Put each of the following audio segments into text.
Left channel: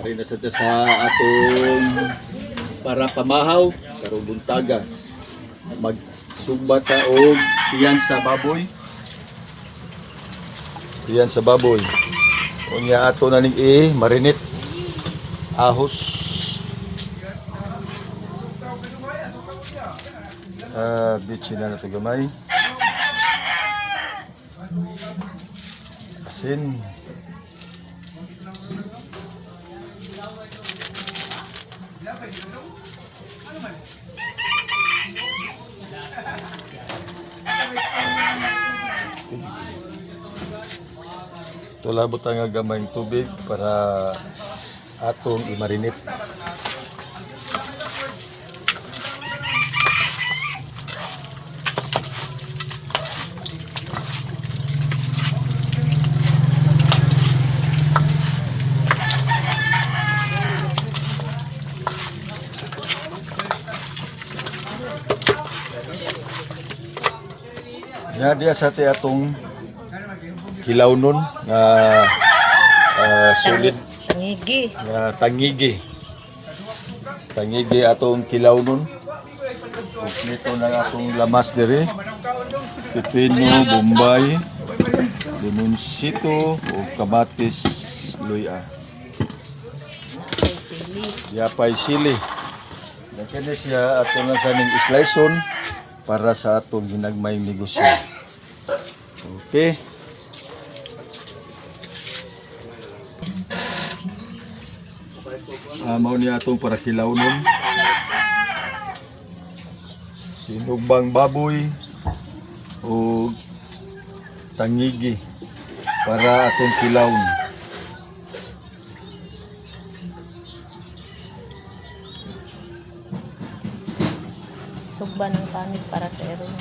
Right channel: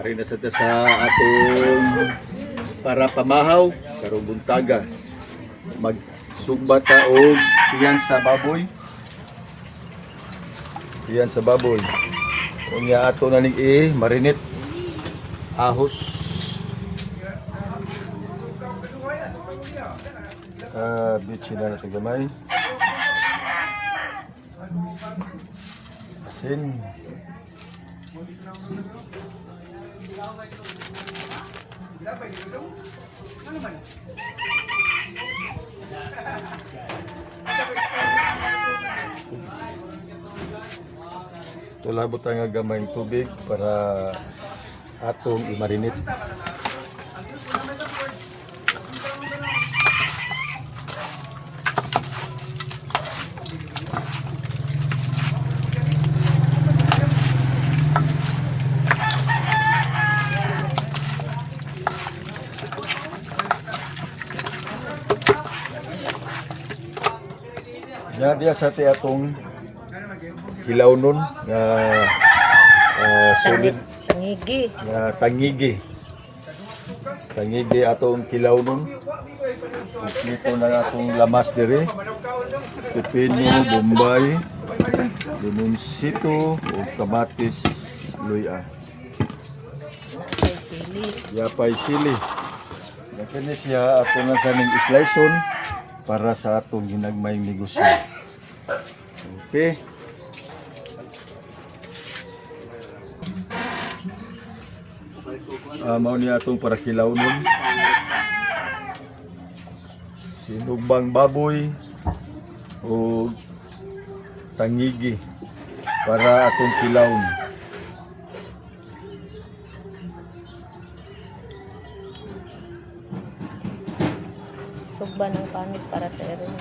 Ari na sa atong para pamahaw karong buntaga. Magsugba ta og tiyan sa baboy. Tiyan sa baboy. Unya ato na ning marinate ahos. Bitchin na natin gamay. Asin. Tulabot tayo nga gamay tubig para atong i-marinate. Diya sa atong kilaw nun na solid tangigi atong kilaw nun. Ito na atong lamas diri, pipino, bombay, limonsito o kamatis luya. Yapay sili. Kini siya ato na sa ning sliceon para sa atong ginagmayng negosyo. Okay. Mao ni atong para kilaw nun. Sinugbang baboy o tangigi para atong kilawon. Sugba ng kanin para sa eron.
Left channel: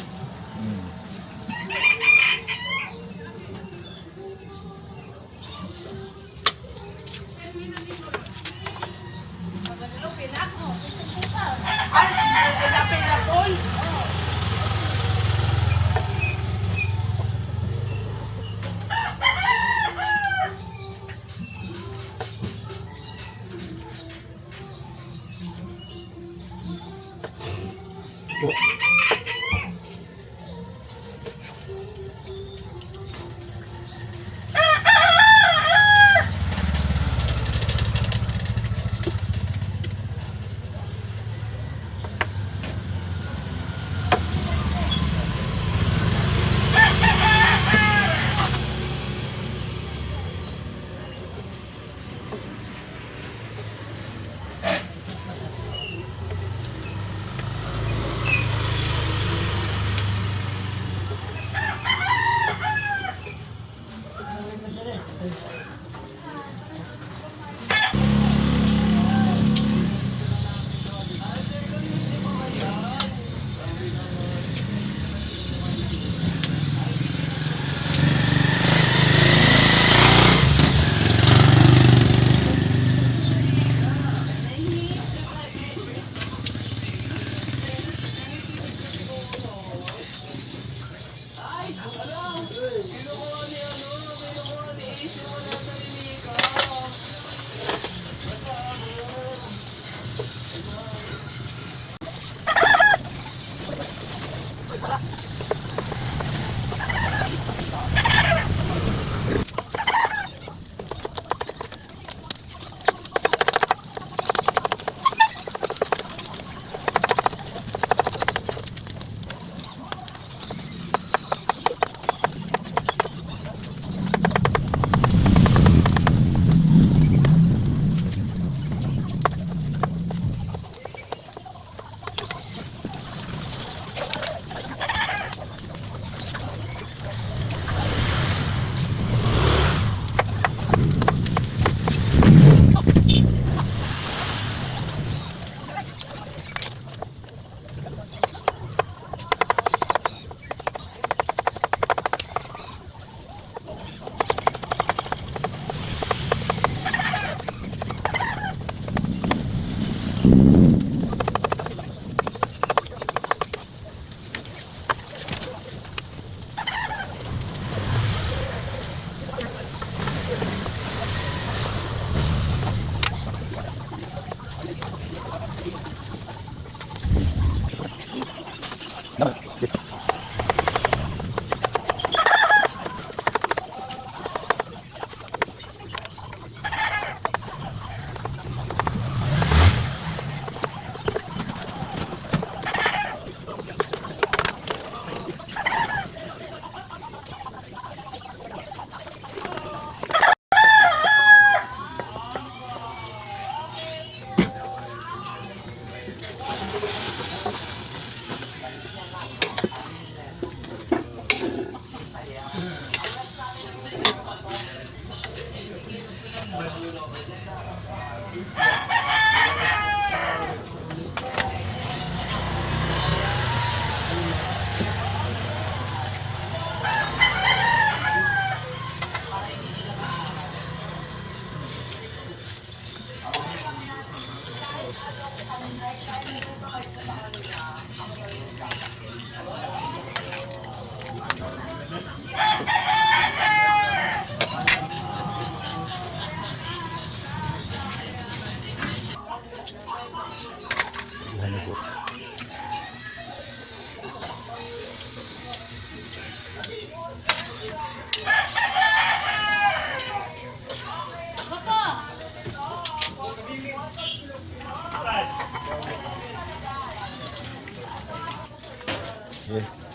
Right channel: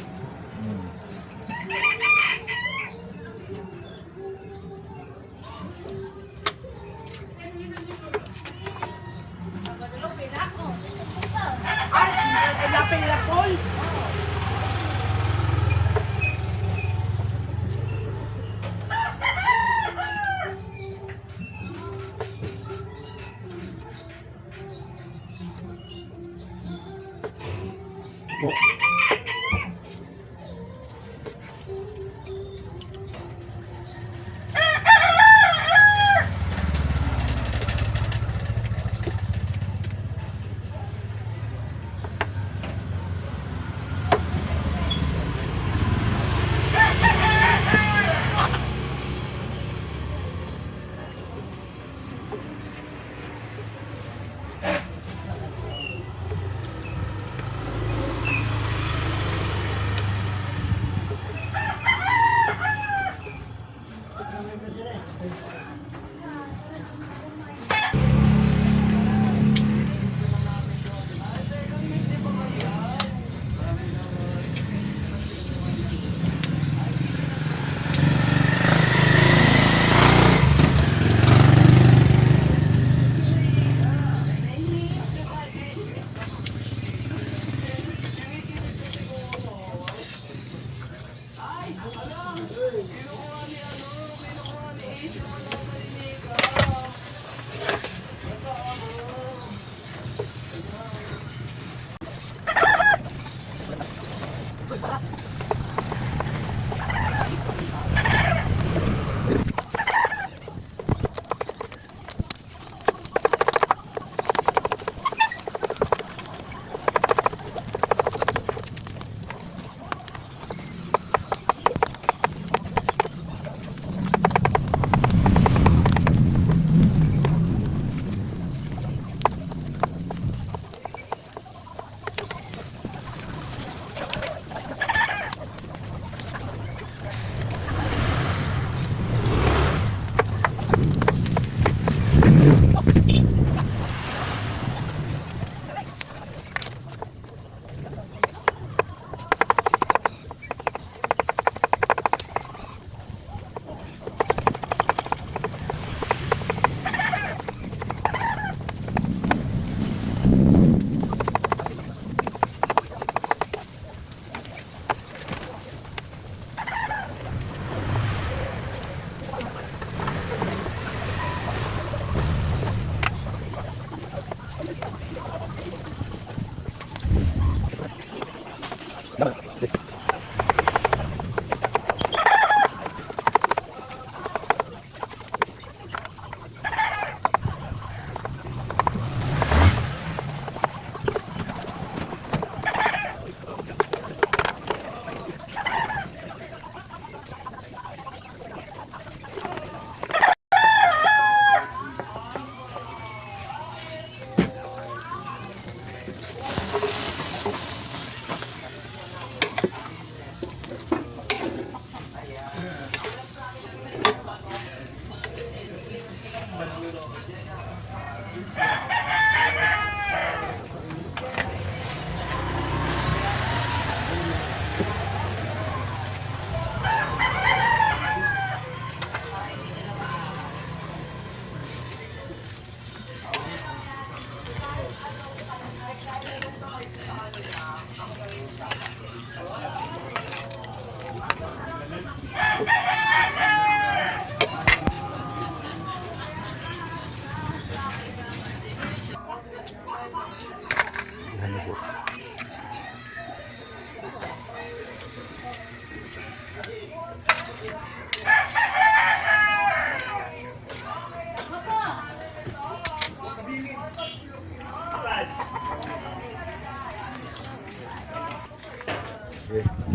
Okay. Len!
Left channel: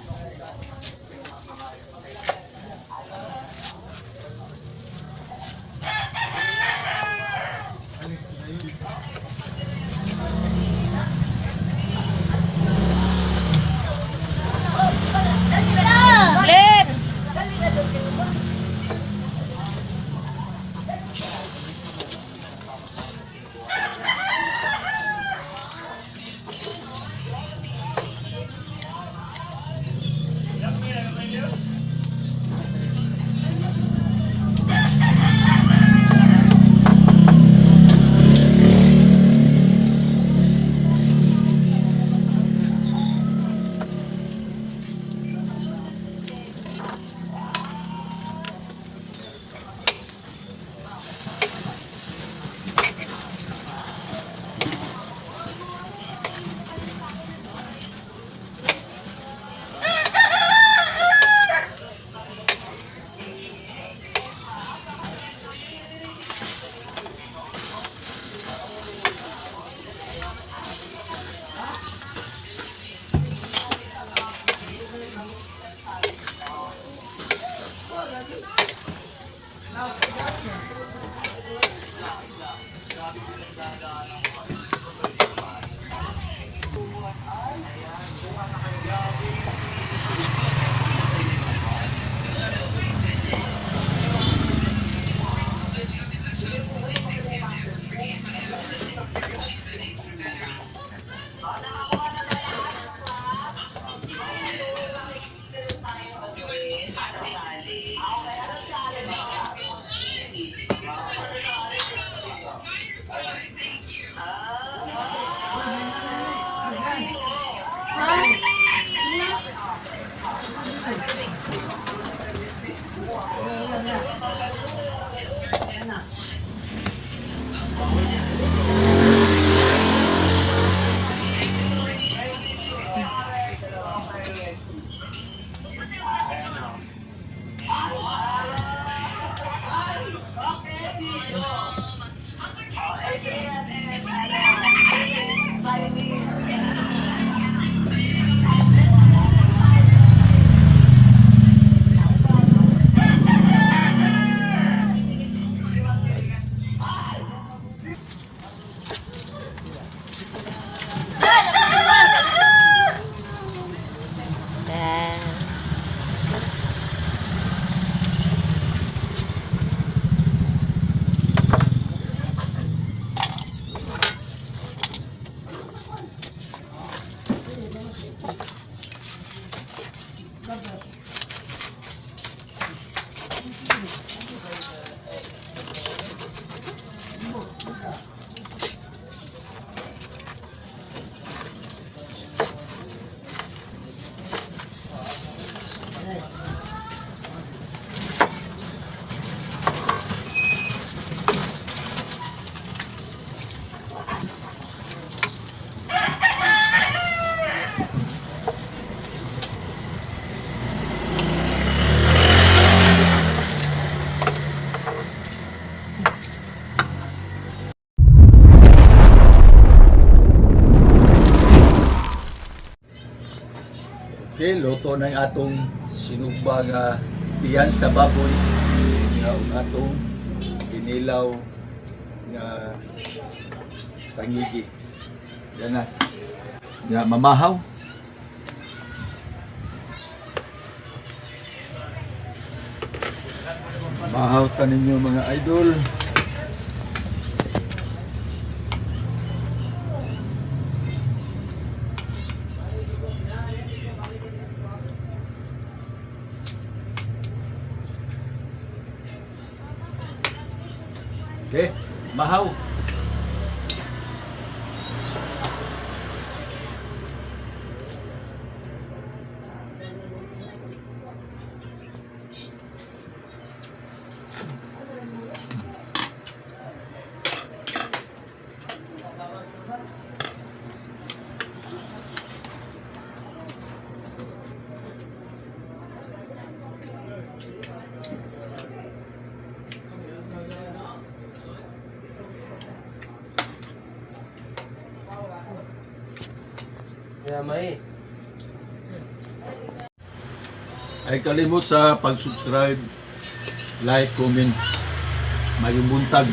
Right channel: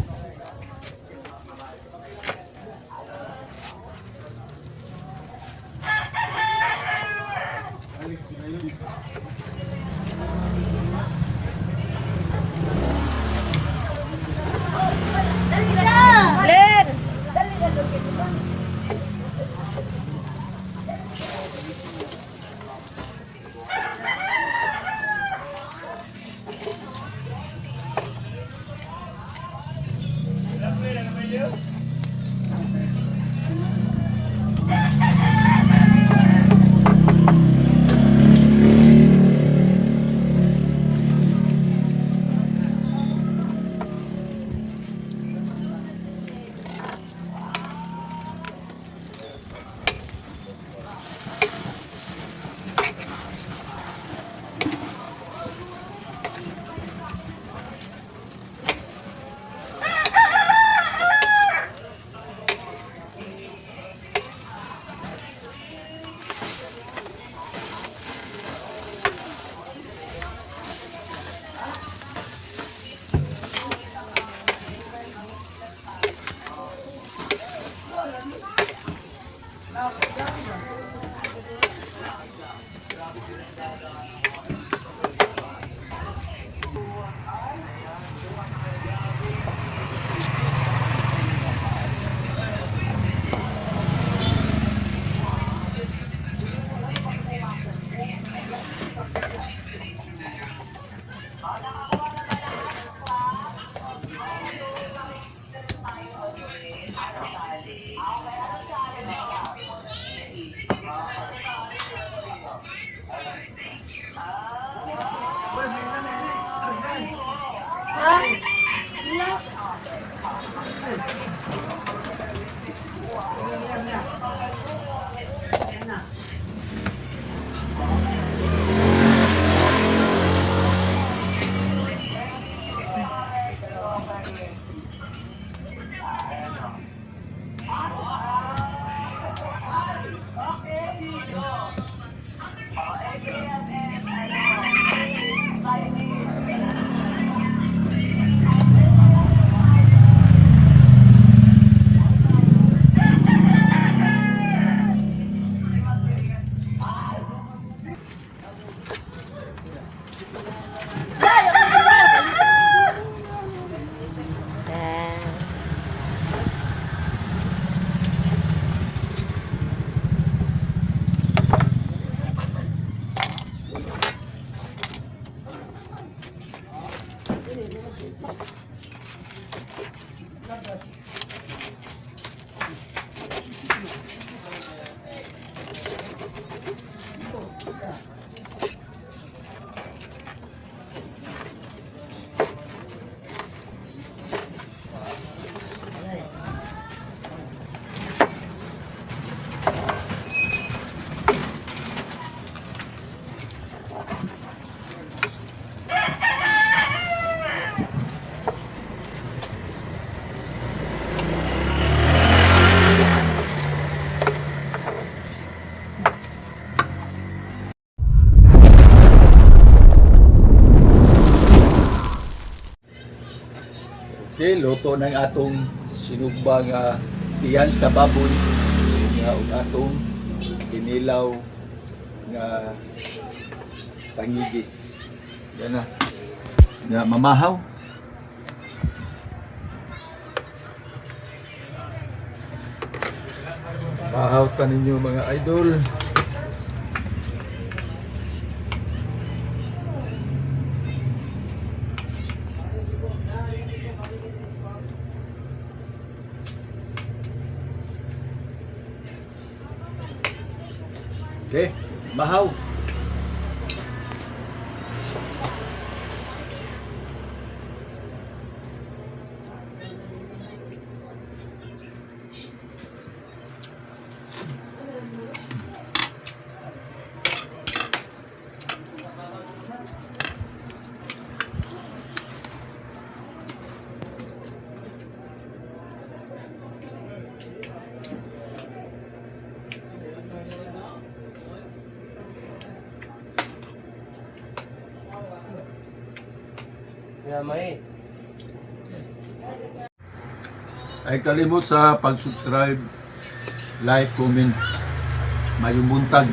Okay, luto ng atong sinugba nga tiyan sa baboy nga ug atong inilaw nga tangigi. Yan na. Nga mamahaw. Mahaw ta ninyo mga idol. Bahaw. Kaya may. Ay kalimot sa pag-subscribe, like, comment, mayong buntag.